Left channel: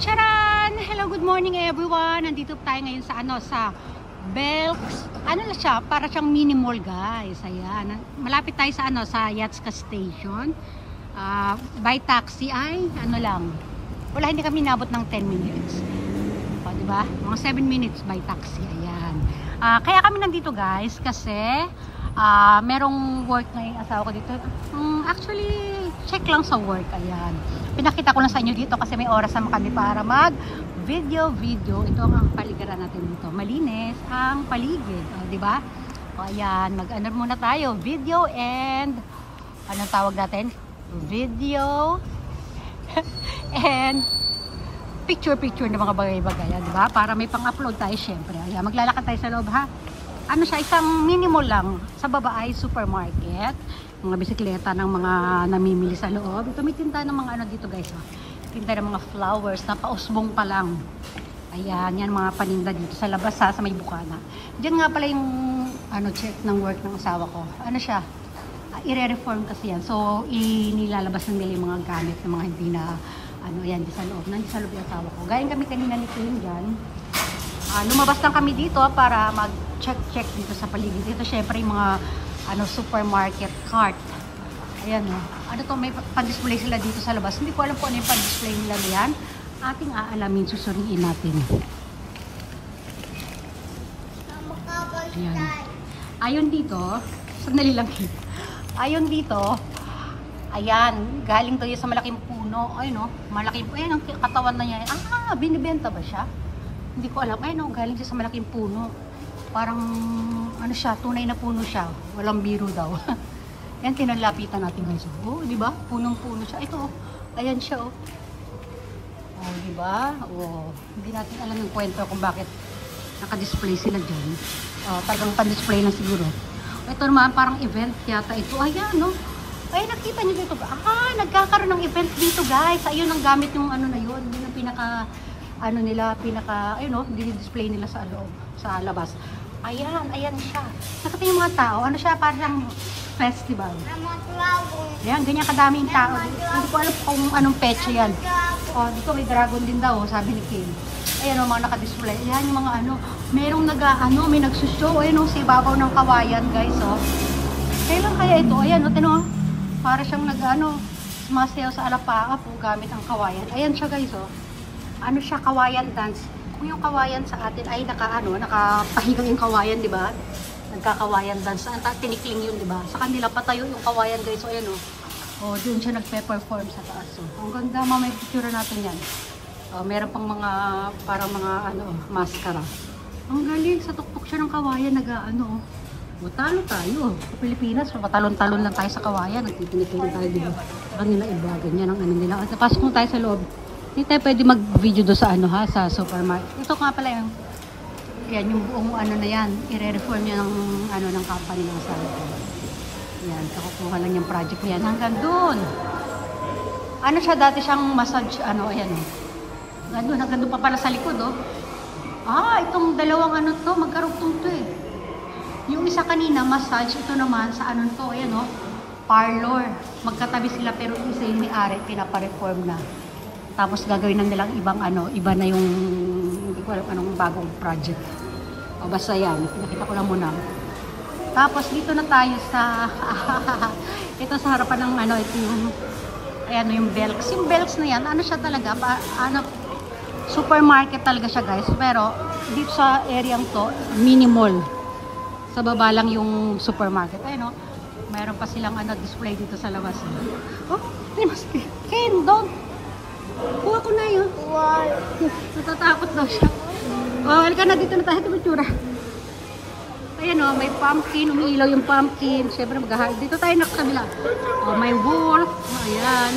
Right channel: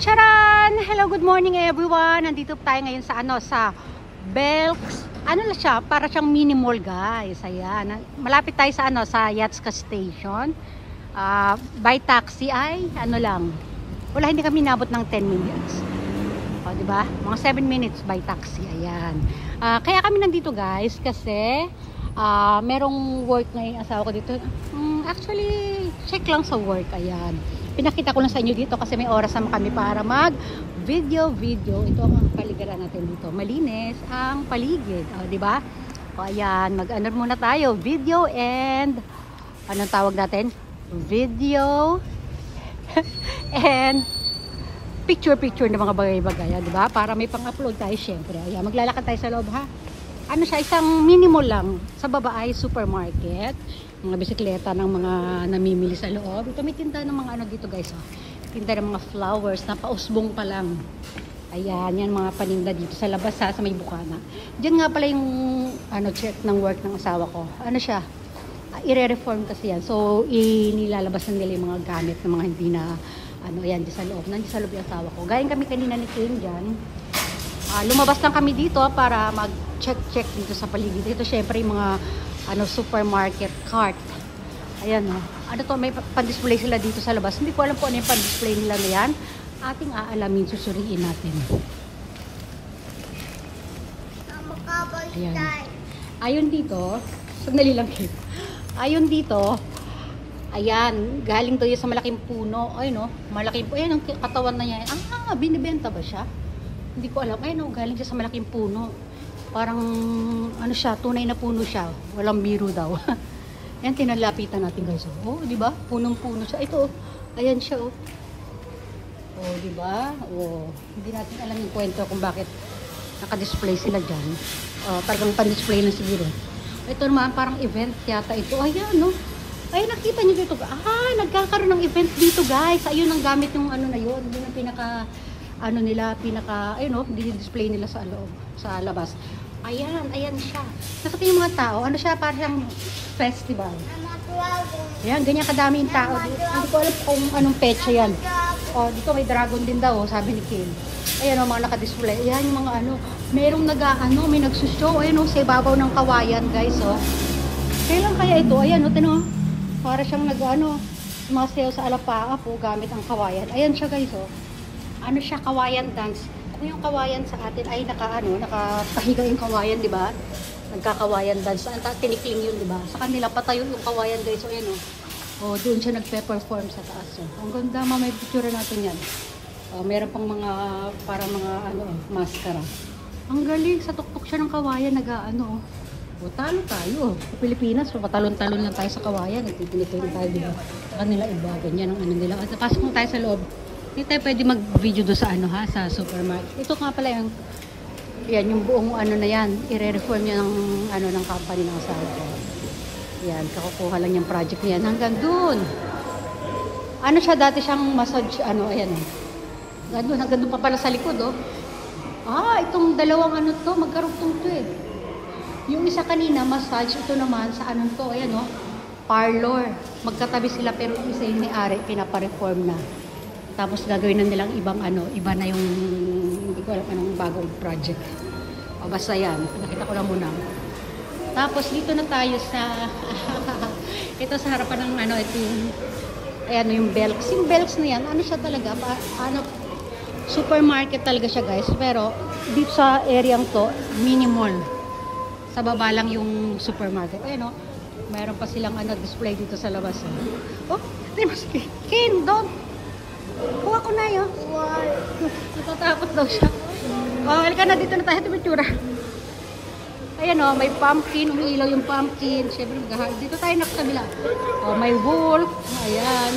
Charan! Hello, good morning everyone. Nandito tayo ngayon sa sa Belks. Ano na siya? Para siyang mini mall, guys. Ayan. Malapit tayo sa sa Yatska Station. By taxi ay lang. Wala, hindi kami nabot ng 10 minutes. Diba? Mga 7 minutes by taxi. Ayan. Kaya kami nandito, guys, kasi merong work na yung asawa ko dito. Actually, check lang sa work. Ayan. Pinakita ko lang sa inyo dito kasi may oras ang kami para mag video. Ito ang paligiran natin dito. Malinis ang paligid. Di ba? O ayan, mag-ano muna tayo. Video and anong tawag natin? Video and picture ng mga bagay-bagay. Di ba? Para may pang-upload tayo syempre. Ayan, maglalakad tayo sa loob ha. Ano siya, isang minimal lang. Sa baba ay supermarket. Mga bisikleta ng mga namimili sa loob. Ito may tinta ng mga ano dito, guys. Tinta ng mga flowers na pausbong pa lang. Ayan, yan mga paninda dito sa labas sa may bukana. Diyan nga pala yung check ng work ng asawa ko. Ano siya? I-reform kasi yan. So, inilalabas ng nila yung mga gamit ng mga hindi na ayan, di sa loob. Nandito sa loob yung asawa ko. Galing kami kanina ni Kim dyan. Lumabas lang kami dito para mag-check dito sa paligid. Ito syempre yung mga supermarket cart. Ayan. Ano to, may pa-display sila dito sa labas. Hindi ko alam po ano yung pa-display nila yan. Ating aalamin, susuriin natin. Ayan. Ayon dito, sandali lang. Ayon dito, ayan, galing to yun sa malaking puno. Ay no, malaking puno. Ayan ang katawan na yan. Binibenta ba siya? Hindi ko alam. Ayun, galing siya sa malaking puno. Parang, siya, tunay na puno siya. Walang biro daw. Yan, tinalapitan natin doon siya. Oh, di ba? Punong-puno siya. Ito, ayan siya, oh. Oh, di ba? Oh, hindi natin alam yung kwento kung bakit naka-display sila dyan. Oh, talagang pa-display na siguro. Ito naman, parang event yata ito. Ayan, no? Ay, nakita niyo dito. Nagkakaroon ng event dito, guys. Ayun ang gamit yung na yun. Yun ang pinaka ayun o, display nila sa loob, sa labas. Ayan siya. Nakita yung mga tao, siya, parang festival. Yan, ganyan kadami yung tao. Hindi ko alam kung anong peche yan. O, dito may dragon din daw, sabi ni Kim. Ayan o, mga naka-display. Ayan yung mga merong may nagsushow. Ayan o, sa ibabaw ng kawayan, guys, o. Ayan lang kaya ito. Ayan o, tino, para siyang masayaw sa alapanga po gamit ang kawayan. Ayan siya, guys, o. Siya, kawayan dance. Yung kawayan sa atin ay nakapahigo yung kawayan, di ba? Nagkakawayan dance. Tinikling yun, di ba? Sa kanila patayo yung kawayan, guys. So, ayan o. Oh, doon siya nagpe-perform sa taas. So, ang ganda, may picture natin yan. Meron pang mga, parang mga, maskara. Ang galing, sa tuktok siya ng kawayan, talo tayo. Sa Pilipinas, patalon-talon lang tayo sa kawayan. Nagtipinikling tayo, di ba? Sa kanila iba, ganyan ang nila. At pasok mo tayo sa loob. Hindi tayo pwede mag-video do sa sa supermarket. Ito nga pala yung buong na yan. I-reform niya ng company ng asawa ko. Yan, kukuha lang yung project niya. Hanggang doon. Siya, dati siyang massage, ayan. Hanggang doon pa pala sa likod, oh. Itong dalawang magkarugtong to eh. Yung isa kanina, massage. Ito naman, sa to, ayan, oh. Parlor. Magkatabi sila, pero isa yung ni-ari, pinapareform na. Tapos gagawin na nilang ibang iba na yung hindi ko alam anong bagong project. O basta yan, nakita ko lang muna. Tapos dito na tayo sa ito sa harapan ng ito yung Belks. Yung Belks na yan, siya talaga, supermarket talaga siya, guys. Pero dito sa area to, mini mall. Sa baba lang yung supermarket. Ayun, meron pa silang display dito sa labas. Oh, Ken, doon. Kuha ko na yun. Wow. Natatakot daw siya. Halika na, dito na tayo sa picture. Ayan may pumpkin. Umiilaw yung pumpkin. Siyempre dito tayo nakakabila. May wolf. Ayan.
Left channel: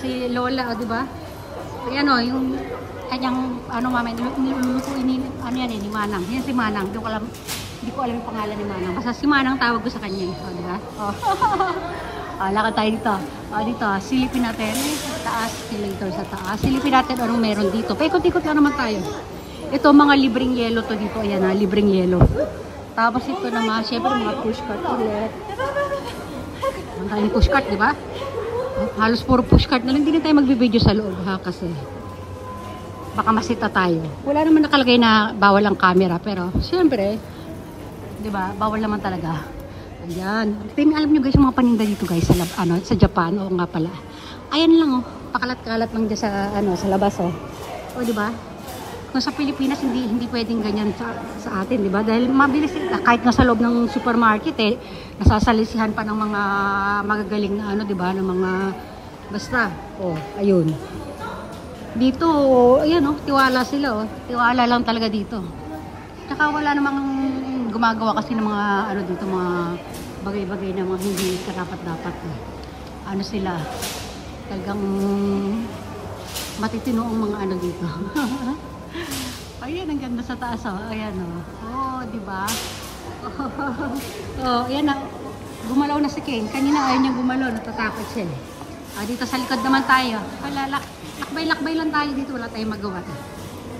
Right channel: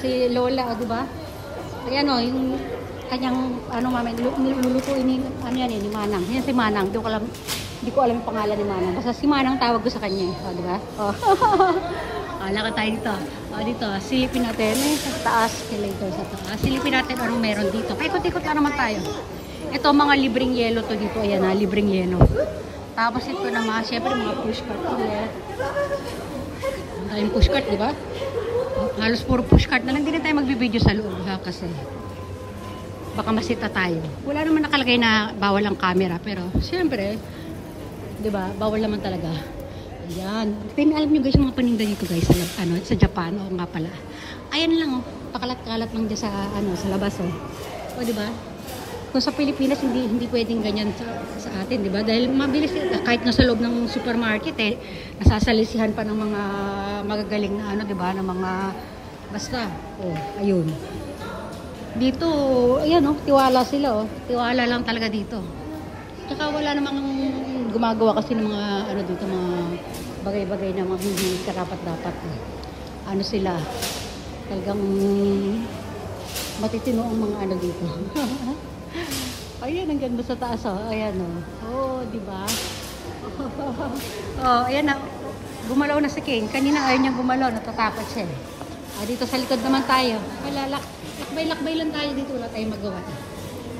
Si Lola, diba? Ayan yung kanyang, lulutuin yung Manang. Yan si Manang. Hindi ko alam yung pangalan ni Manang. Basta si Manang tawag ko sa kanya. Diba? Lakad tayo dito. Dito, silipin natin sa taas, escalator sa taas. Silipin natin meron dito. Paikot-ikot lang naman tayo. Ito, mga libreng yelo to dito. Ayan libreng yelo. Tapos ito naman, syempre mga pushcart ulit. Ang pushcart, di ba? Halos puro pushcart na lang. Hindi na tayo magbibideo sa loob ha, kasi baka masita tayo. Wala naman nakalagay na bawal ang camera, pero siyempre, di ba, bawal naman talaga. Ayan. Alam nyo guys, yung mga paninda dito guys, sa Japan, o nga pala. Ayan lang, oh. Pakalat-kalat lang dyan sa labas, oh. O, di ba? Kung sa Pilipinas, hindi pwedeng ganyan sa atin, di ba? Dahil mabilis, kahit nasa loob ng supermarket, nasasalisihan pa ng mga magagaling na di ba? Ng mga, basta, oh, ayun. Dito, ayun, oh, tiwala sila, oh. Tiwala lang talaga dito. Tsaka wala namang gumagawa kasi ng mga, dito, mga bagay-bagay na mga hindi karapat-dapat. Ano sila, talagang matitino ang mga dito. Ayan, ang ganda sa taas, oh. Ayan, oh. Oh, di ba? Oh, ayan na. Gumalaw na si King. Kanina ayaw niya gumalaw, natatakot siya. Dito sa likod naman tayo. Wala, lakbay-lakbay lang tayo dito, wala tayong magawa.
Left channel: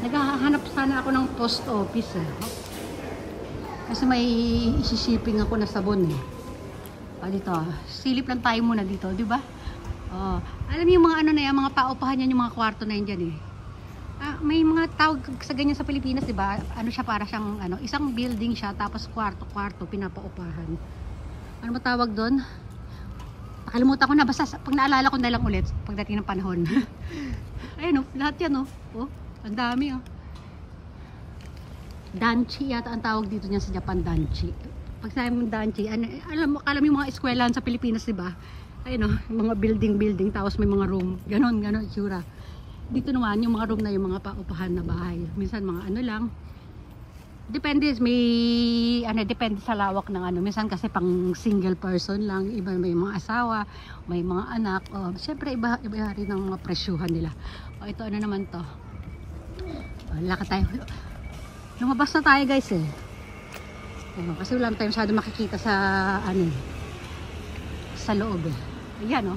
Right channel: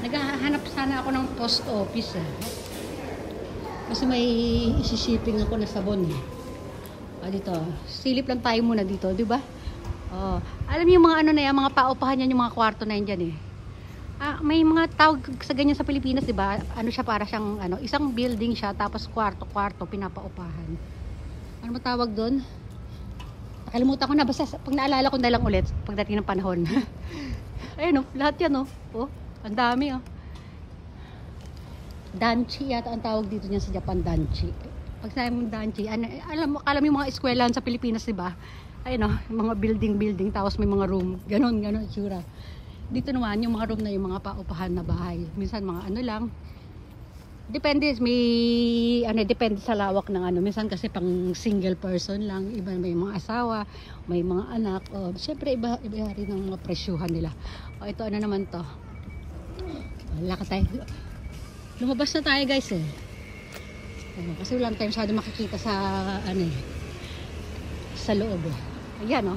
Naghahanap sana ako ng post office, eh. Kasi may isi-shipping ako na sabon, eh. Dito, silip lang tayo muna dito, di ba? Alam niyo yung mga na yan, mga paupahan yan, yung mga kwarto na yan dyan, eh. May mga tawag sa ganyan sa Pilipinas, di ba? Ano siya, para siyang isang building siya, tapos kwarto-kwarto pinapaupahan. Ano matawag doon? Nakalimutan ko na, basta pag naalala ko na lang ulit pagdating ng panahon. Ayun, lahat yan, oh, ang dami, Danchi yata ang tawag dito niya sa Japan, Danchi. Pag sabi mo Danchi, alam mo yung mga eskwelahan sa Pilipinas, di ba? Ayun, mga building, tapos may mga room, ganon, itsura. Dito naman, yung mga room na yung mga paupahan na bahay. Minsan mga lang. Depende, depende sa lawak ng Minsan kasi pang single person lang. Iba may mga asawa, may mga anak. Siyempre, iba rin ang mga presyuhan nila. Ito naman to. Lakad tayo. Lumabas na tayo guys, eh. Kasi wala tayo masyado makikita sa, sa loob, eh. Ayan,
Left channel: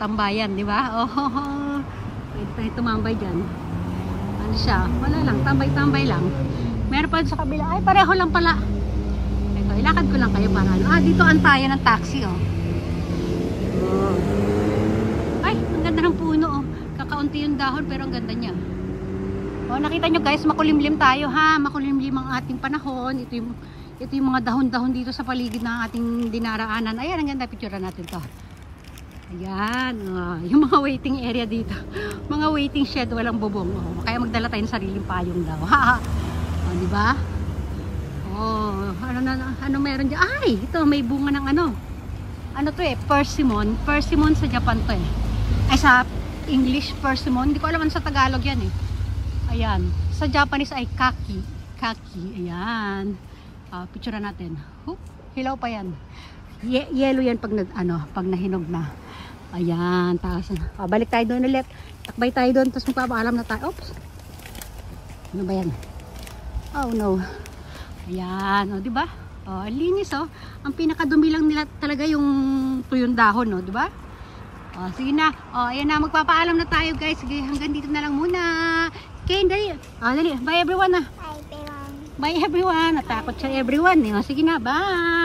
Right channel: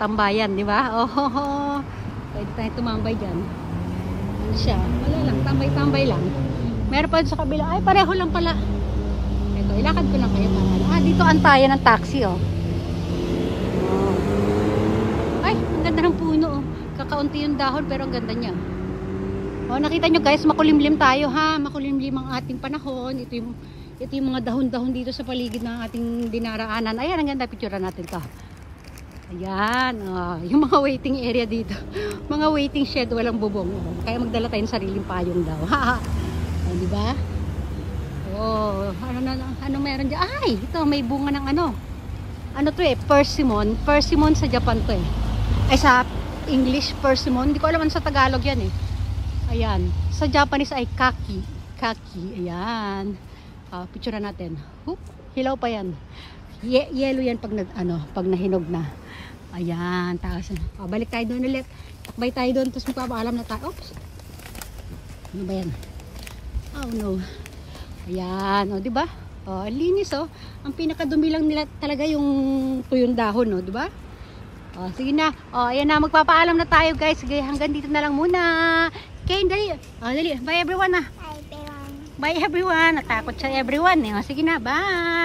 tambayan, di ba? Pwede tayo tumambay dyan. Ano siya? Wala lang. Tambay-tambay lang. Meron pa sa kabila. Ay, pareho lang pala. Ito, ilakad ko lang kayo para dito antayan ng taxi, Ay, ang ganda ng puno, Kakaunti yung dahon, pero ang ganda niya. Nakita nyo guys, makulimlim tayo, ha? Makulimlim ang ating panahon. Ito yung mga dahon-dahon dito sa paligid ng ating dinaraanan. Ayan, ang ganda. Picture natin to. Ayan, yung mga waiting area dito. Mga waiting shed, walang bubong. Kaya magdala tayo ng sariling payong daw. Di ba? Ano meron dyan? Ay, ito, may bunga ng Ano to, persimmon. Persimmon sa Japan to, Ay, sa English, persimmon. Hindi ko alam sa Tagalog yan, Ayan. Sa Japanese ay kaki. Kaki. Ayan. Picture natin. Hilaw pa yan. Yellow yan pag nahinog na. Ayan, taas. Balik tayo doon ulit. Takbay tayo doon, tapos magpapaalam na tayo. Oops. Ano ba yan? Oh no. Ayan, di ba? Linis, Ang pinakadumi lang nila talaga yung tuyong dahon, di ba? Sige na. Ayan na, magpapaalam na tayo, guys. Sige, hanggang dito na lang muna. Okay, dali. Dali. Bye everyone, Bye everyone. Bye everyone. Natakot siya everyone. Sige na, bye.